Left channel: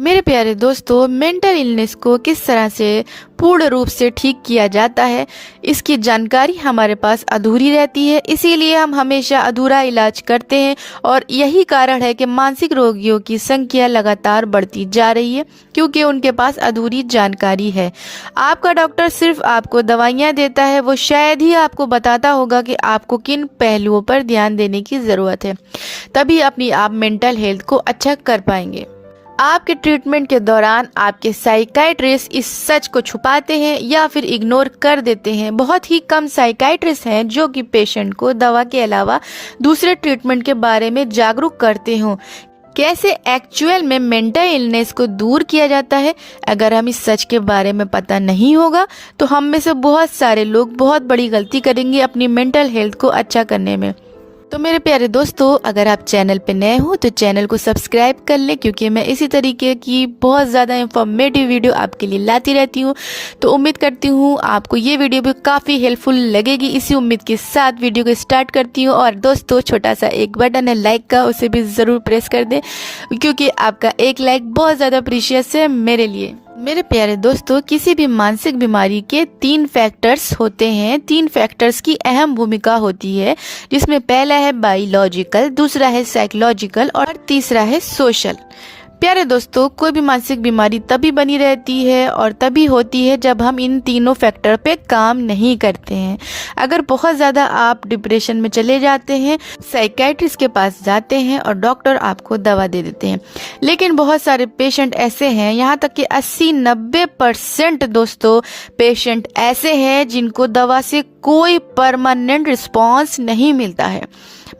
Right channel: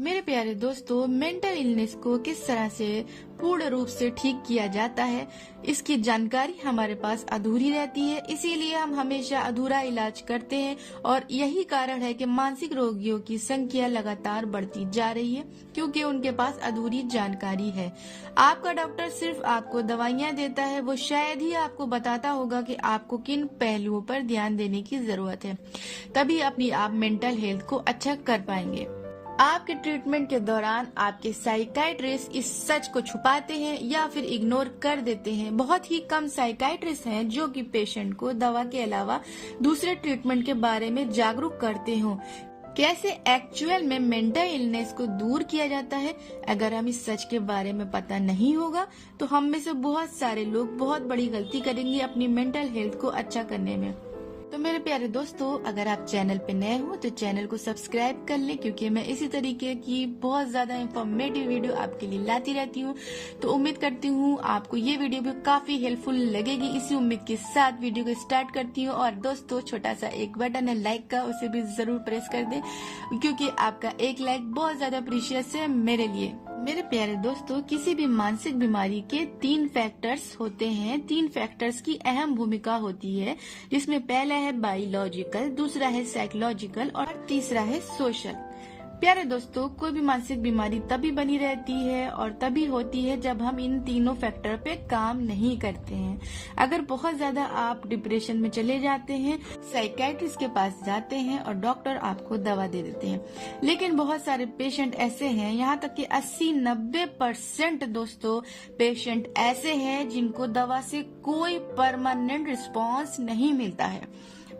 मेरे प्यारे दोस्तों, मेंटल इलनेस को किस तरह से पूर्ण रूप से ठीक किया जाता है, इसकी जानकारी हमारे पास अधूरी रहती है। इसीलिए हम हमेशा अधूरा इलाज करते हैं और यही कारण है कि मानसिक रोगियों की संख्या लगातार बढ़ती जा रही है, क्योंकि उनके पास अधूरी जानकारी है। आपका डॉक्टर सिर्फ आपको दवाइयाँ देता है, वो शायद ही आपको बताता होगा कि आपको किन पहलुओं पर ध्यान देने की ज़रूरत है। तभी अपनी आप मेंटल हेल्थ को अच्छा कर पाएंगे। आपके ट्रीटमेंट के दौरान आपके साइकाइट्रिस्ट इस सच को छुपाते हैं या फिर इग्नोर कर देते हैं। बहुत ही कम साइकाइट्रिस्ट हैं जो कि पेशेंट को दवा के अलावा दूसरे ट्रीटमेंट के बारे में जागरूक करते हों। कैसे एक्चुअल में मेंटल इलनेस को दूर किया जाता है, अगर हम इस सच के बारे में पता नहीं होगा तो हम में से बहुत सारे लोग बहुत बड़ी गलती करेंगे अपनी मेंटल हेल्थ को अच्छा करने में। तो मेरे प्यारे दोस्तों, अगर आप चैनल पे नए हो तो चैनल को सब्सक्राइब कर लें, क्योंकि मैं इसी तरीके की बहुत ज़्यादा इंफॉर्मेटिव वीडियो आपके लिए लाती रहती हूँ। तो उम्मीद करती हूँ आपको ये वीडियो भी काफ़ी हेल्पफुल लगेगी। इसी उम्मीद के साथ वीडियो को स्टार्ट करती हूँ। और दोस्तों, छोटा सा एक बटन है लाइक का, उसे भी ज़रूर प्रेस कर दें, क्योंकि आपका एक लाइक बहुत ज़्यादा प्रीशियस है मेरे लिए। मेरे प्यारे दोस्तों, किसी भी मानसिक बीमारी के 3 फैक्टर्स होते हैं। 3 फैक्टर्स की अहम भूमिका होती है, जिसमें पहला है बायोलॉजिकल, दूसरा है साइकोलॉजिकल और तीसरा है सोशल। प्यारे दोस्तों, कोई भी मानसिक बीमारी तभी बनी रहती है और तभी होती है जब हम इन तीनों फैक्टर पे काम नहीं करते हैं। अगर बहुत ज़्यादा आप डिप्रेशन में चले जाते हैं, साइकाइट्रिस्ट के पास जाते हैं और डॉक्टर आपको दवा दे देते हैं, लेकिन बहुत सारे पेशेंट ऐसे हैं, यहाँ तक कि 80-90% दोस्तों पेशेंट ऐसे हैं जिनको दवा से कोई परमानेंट रिस्पॉन्स नहीं मिलता है।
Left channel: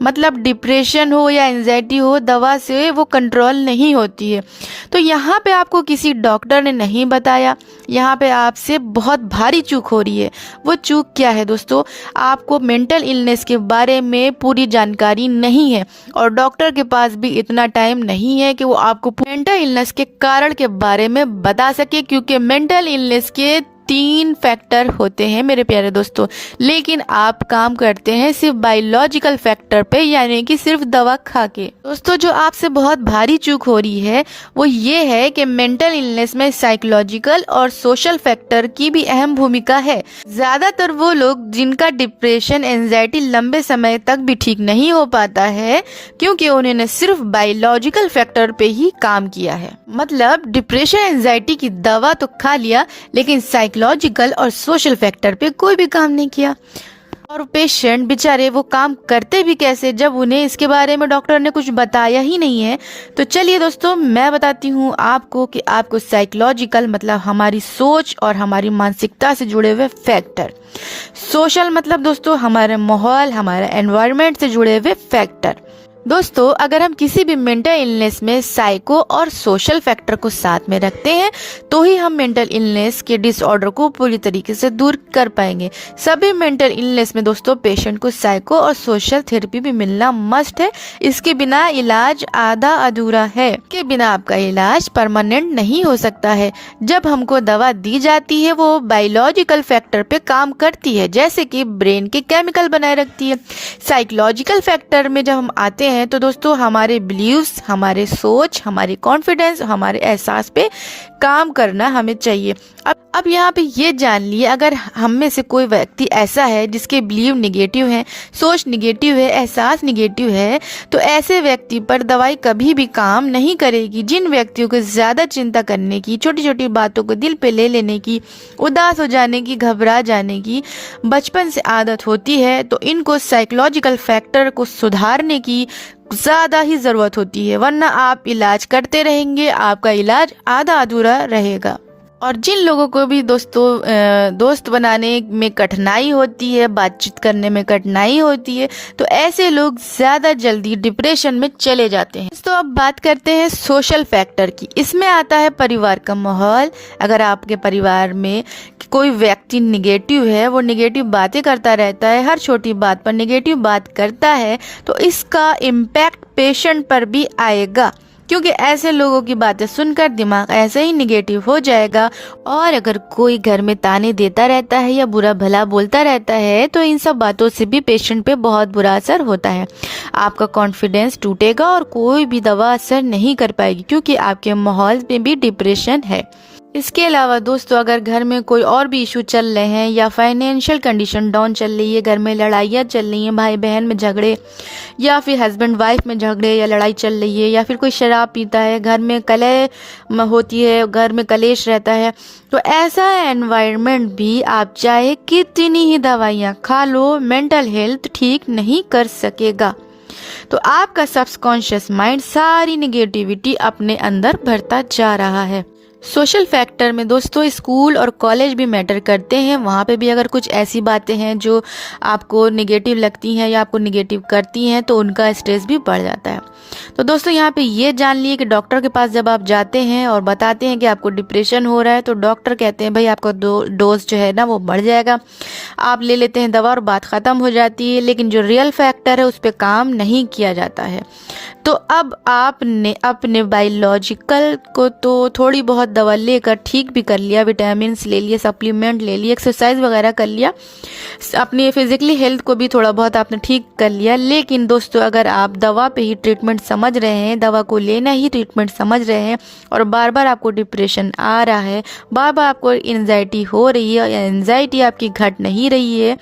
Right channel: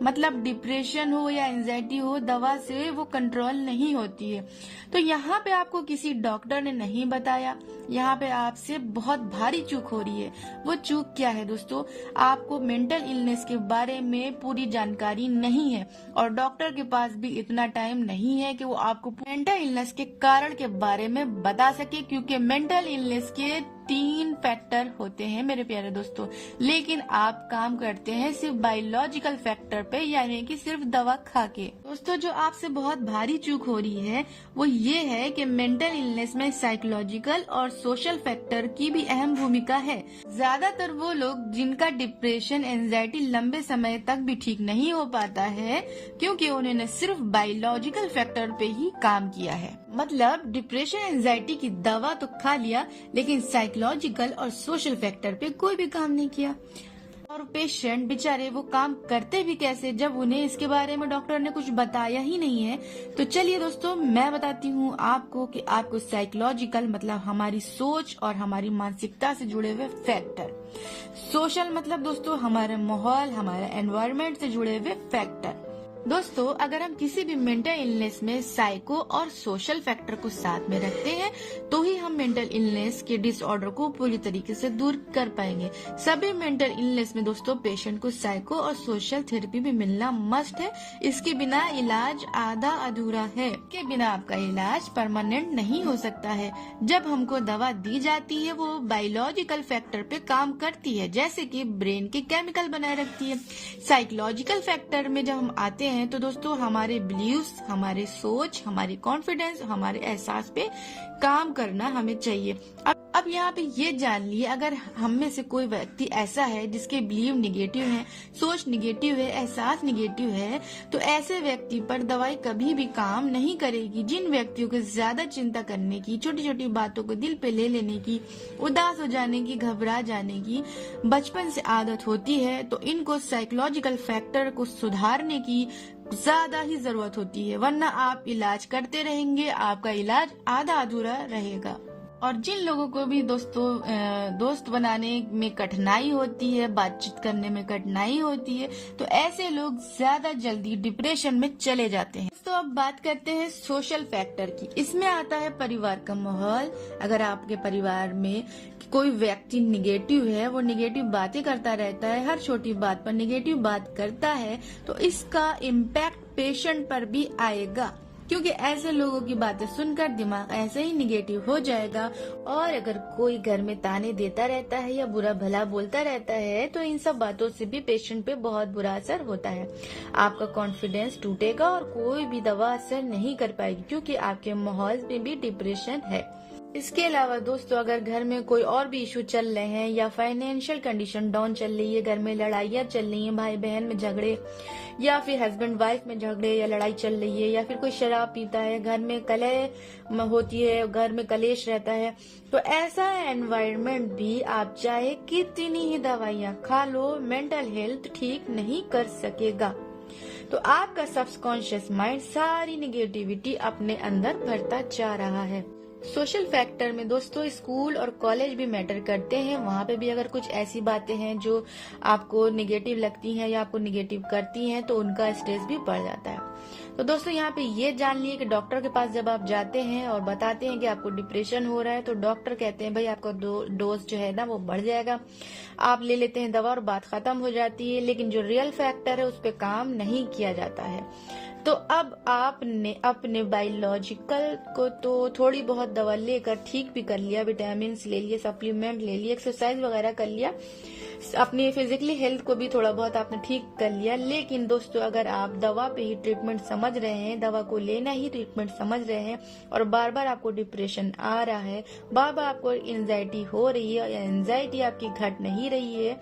मतलब डिप्रेशन हो या एंजाइटी हो, दवा से वो कंट्रोल नहीं होती है। तो यहाँ पे आपको किसी डॉक्टर ने नहीं बताया, यहाँ पे आपसे बहुत भारी चूक हो रही है। वो चूक क्या है दोस्तों? आपको मेंटल इलनेस के बारे में पूरी जानकारी नहीं है और डॉक्टर के पास भी इतना टाइम नहीं है कि वो आपको मेंटल इलनेस के कारण के बारे में बता सके, क्योंकि मेंटल इलनेस के 3 फैक्टर होते हैं मेरे प्यारे दोस्तों। लेकिन आप काम करते हैं सिर्फ बायोलॉजिकल फैक्टर पे, यानी कि सिर्फ दवा खा के। दोस्तों, जो आपसे बहुत भारी चूक हो रही है वो ये है कि मेंटल इलनेस में साइकोलॉजिकल और सोशल फैक्टर की भी अहम भूमिका है। ज्यादातर वो लोग जिनका डिप्रेशन, एंजाइटी लंबे समय तक भी ठीक नहीं हो पाता है, क्योंकि उन्होंने सिर्फ बायोलॉजिकल फैक्टर पे ही काम किया है। मतलब डिप्रेशन, एंजाइटी की दवा तो खा लिया, लेकिन साइकोलॉजिकल और सोशल फैक्टर पे कोई भी काम नहीं किया। और पेशेंट बेचारे वो काम करते भी कैसे जब उन्हें इसके बारे में डॉक्टर ने कुछ बताया ही नहीं है। तो चलिए दोस्तों, मैं बताती हूँ आपको कि आपको साइकोलॉजिकल मतलब हमारी सोच और हमारी मानसिकता से जुड़े हुए फैक्टर, सोशल मतलब दोस्तों हमारे माहौल, हमारे एनवायरनमेंट से जुड़े हुए फैक्टर। दोस्तों, अगर हम किसी भी मेंटल इलनेस में साइको और सोशल फैक्टर को साथ में रखते हैं तो ही हम मेंटल इलनेस के डिसऑर्डर को पूरी तरीके से दूर कर पाएंगे। सभी मेंटल इलनेस में दोस्तों पेशेंट को साइको और सोशल थेरेपी भी मिलना मस्ट है। इसके बिना इलाज आधा अधूरा है। इसके बिना आपका इलाज परमानेंट नहीं हो सकता है। जब हमको दवा दी जाती है वो बायोलॉजिकल फैक्टर पे काम करती है, जैसे कि ब्रेन के केमिकल बनाए रखती है। साइकोलॉजिकल फैक्टर में जब हम आते हैं तो दोस्तों हमारे बिलीव्स, हमारे सोच, हमारे कॉन्फिडेंस, हमारे एहसास पे काम करना हमें चाहिए। अब यहाँ पे ये जान लिए, अगर हम में से कोई व्यक्ति ऐसा है जिसके बिलीव निगेटिव है, सोच निगेटिव है, एहसास निगेटिव है, तो ऐसे व्यक्ति पर दवाई कभी भी काम नहीं करेगी। जिन व्यक्तियों को ज्यादा चिंता करने की, छोटी छोटी बातों को दिल पे ले लेने की, उदास हो जाने की, घबरा जाने की बचपन से आदत होती है, तो इनको साइकोलॉजिकल फैक्टर को सुधारने की ज्यादा ही जरूरत होती है, वरना आप इलाज करते रहेंगे, आपका इलाज आधा अधूरा रहेगा। और जिन लोगों को भी दोस्तों दोस्त बनाने में कठिनाई होती है, बातचीत करने में कठिनाई होती है, तो ऐसे लोग ज्यादा जल्दी डिप्रेशन में चले जाते हैं। तो अब बात करते हैं सोशल फैक्टर की। इसमें आता है परिवार का माहौल। अगर आपके परिवार में कोई व्यक्ति निगेटिव है, वो निगेटिव बातें करता रहता है, हर छोटी बात पर निगेटिव बात करता है, तो इसका इम्पैक्ट पेशेंट पर भी आएगा, क्योंकि ऐसे लोगों की बातें सुनकर दिमाग ऐसे ही निगेटिव हो जाएगा। और अगर कोई घर में ताने देता रहता है या बुरा भला बोलता रहता है तो इन सब बातों से भी पेशेंट पे बहुत बुरा असर होता है। आपका कॉन्फिडेंस टूटेगा और कोई भी दवा असर नहीं कर पाएगी, क्योंकि आपके माहौल में भी डिप्रेशन है। इसके अलावा दोस्तों, अगर घर में कोई और भी इशू चल रहे हैं या फाइनेंशियल कंडीशन डाउन चल रही है, घर में लड़ाइयाँ चल रही हैं, भाई बहन में झगड़े या फिर हस्बैंड वाइफ में झगड़े या लड़ाई चल रही है, या फिर कोई शराब पीता है, घर में कलह होती है, घर में कलेश रहता है, तो ऐसा एनवायरनमेंट भी आप चाहे कितनी ही दवाइयाँ खा लो, मेंटल हेल्थ ठीक नहीं कर सकेगा। तो आपका सबकॉन्शियस माइंड सारी निगेटिविटी अपने अंदर भरता जा रहा है। सोशल फैक्टर में दोस्तों स्कूल और कॉलेज भी मैटर करते हैं। वहाँ पे भी अगर कुछ ऐसी बातें हैं जो आपको निगेटिव लगती हैं या आपको निगेटिव करती हैं तो उनका स्ट्रेस भी बढ़ जाता है। तो दोस्तों यहाँ पे ये जान लिए कि डॉक्टर के पास जब आप जाते हैं और बताते हैं कि आपको डिप्रेशन हो रहा है तो डॉक्टर कहते हैं भाई आपका डोज जो है ना वो बढ़ जाएगा, आप ले लेते हैं दवा और बात ख़त्म हो जाती है। लेकिन जो रियल फैक्टर है उस पर काम नहीं किया जाता है। तो अब आपने अपने बायोलॉजिकल को तो थोड़ी बहुत दवा लेकर ठीक भी कर लिया, विटामिन ले लिए, सप्लीमेंट ले लिए, एक्सरसाइज वगैरह कर लिया, अपनी फिजिकली हेल्थ को भी थोड़ा बहुत आपने ठीक कर लिया। लेकिन दोस्तों अगर आप दवा पे ही ट्रीटमेंट समझ रहे हैं, दवा को लेना ही ट्रीटमेंट समझ रहे हैं और बार बार आपको डिप्रेशन आ रहा है, बार बार आपको एंजाइटी हो रही है या एंजाइटी आपकी घट नहीं रही है,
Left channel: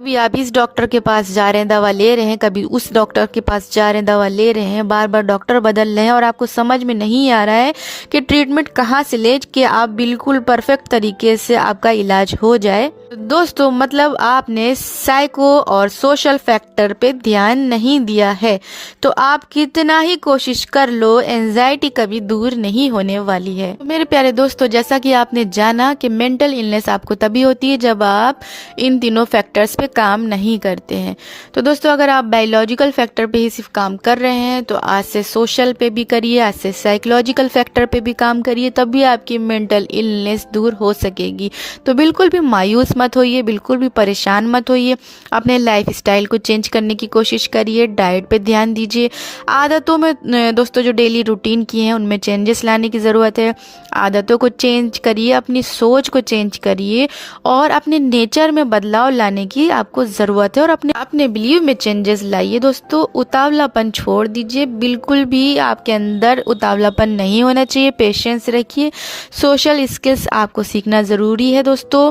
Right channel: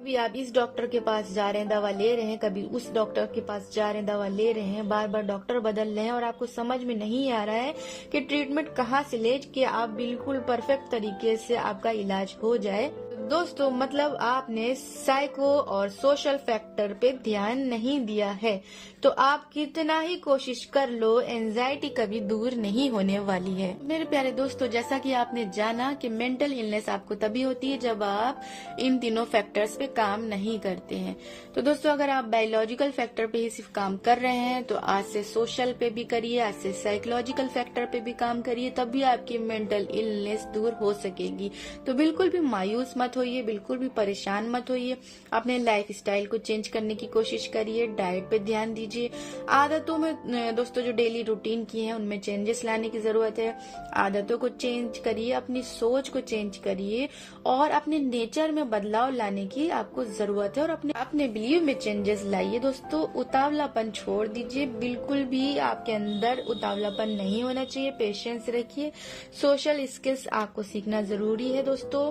कभी आप इस डॉक्टर के पास जा रहे हैं दवा ले रहे हैं, कभी उस डॉक्टर के पास जा रहे हैं दवा ले रहे हैं, बार बार डॉक्टर बदल रहे हैं और आपको समझ में नहीं आ रहा है कि ट्रीटमेंट कहाँ से ले कि आप बिल्कुल परफेक्ट तरीके से आपका इलाज हो जाए, दोस्तों मतलब आपने साइको और सोशल फैक्टर पे ध्यान नहीं दिया है। तो आप कितना ही कोशिश कर लो, एंजाइटी कभी दूर नहीं होने वाली है। तो मेरे प्यारे दोस्तों, जैसा कि आपने जाना कि मेंटल इलनेस आपको तभी होती है जब आप इन तीनों फैक्टर्स पे काम नहीं करते हैं। तो दोस्तों अगर आप बायोलॉजिकल फैक्टर पे ही सिर्फ काम कर रहे हैं तो आज से सोशल पे भी करिए, आज से साइकोलॉजिकल फैक्टर पे भी काम करिए, तब भी आपकी मेंटल इलनेस दूर हो सकेगी। तो बिल्कुल भी मायूस मत होइए, बिल्कुल भी परेशान मत होइए, अपने लाइफ स्टाइल को चेंज करने की कोशिश करिए, डाइट पे ध्यान दीजिए, आदतों में दोस्तों जो डेली रूटीन की हैं उनमें चेंजेस लाने की ज़रूरत है, आदतों को चेंज करिए, अपनी सोच को चेंज करिए और अपने नेचर में बदलाव लाने की आपको ज़रूरत है और अपने बिलीव में चेंजेस लाइए। दोस्तों उतावलापन छोड़ दीजिए, बिल्कुल भी आपके अंदर उतावलापन नहीं होना चाहिए, पेशेंस रखिए, सोशल स्किल्स आपको सीखना ज़रूरी है दोस्तों।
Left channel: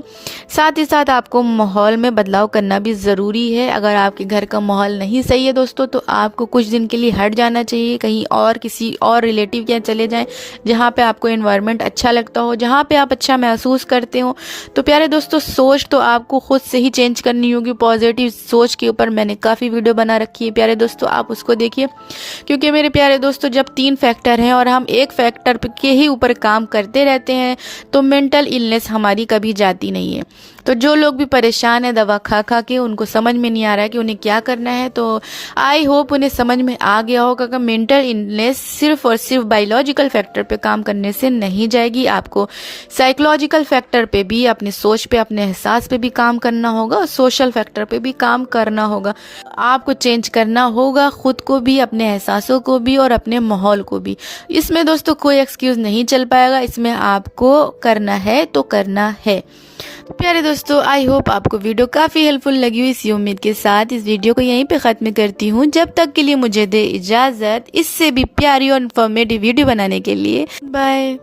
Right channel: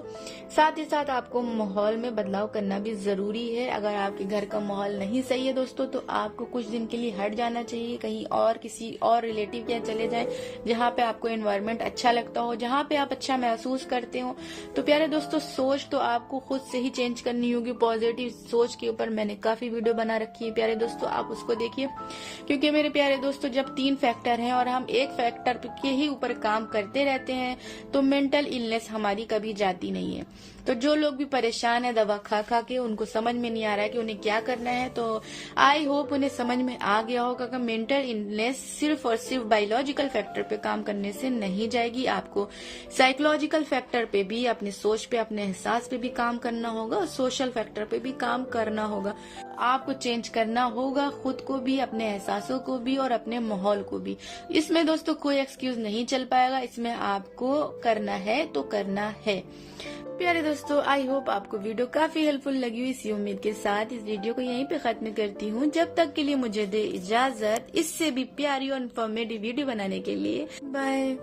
साथ ही साथ आपको माहौल में बदलाव करना भी ज़रूरी है। अगर आपके घर का माहौल नहीं सही है दोस्तों तो आपको कुछ दिन के लिए हट जाना चाहिए, कहीं और किसी और रिलेटिव के यहाँ चले जाएं जहाँ पे आपको एनवायरनमेंट अच्छा लगता हो, जहाँ पे आप अच्छा महसूस करते हो। तो प्यारे दोस्तों सोच तो आपको खुद से ही चेंज करनी होगी। पॉजिटिव सोच के ऊपर मैंने काफ़ी वीडियो बना रखी है प्यारे दोस्तों, आप उसको देखिए। क्योंकि मेरे प्यारे दोस्तों जब 3 फैक्टर हैं और हम एक फैक्टर के ही ऊपर काम करते रहते हैं तो मेंटल इलनेस हमारी कभी जाती नहीं है। तो जो लोग भी परेशान है दवा खा खा के, उनको समझ में नहीं आ रहा है कि उन्हें क्या करना है, तो आई होप उन्हें समझ में आ गया होगा कि मेंटल इलनेस सिर्फ और सिर्फ बायोलॉजिकल फैक्टर पे काम करने से नहीं जाएगी। आपको साइकोलॉजिकल फैक्टर पे भी, अपनी सोच पे, अपने एहसास पे भी काम करना होगा और सोशल फैक्टर पे भी काम करना होगा। आपको चेंज करना होगा खुद को भी, अपने एहसासों को भी और अपने माहौल को भी। इसमें दोस्तों कोई एक्सक्यूज नहीं चल पाएगा, इसमें आपको करना है तो करना है। प्यारे दोस्तों आई होप आपको वीडियो काफ़ी हेल्पफुल लगी हुई, इसी उम्मीद के साथ इस वीडियो को यहीं पे ख़त्म करती हूँ। जब तक के लिए मुझे दे इजाज़त इससे भी प्यारी और इन्फॉर्मेटिव वीडियो बनाने के लिए। बाय।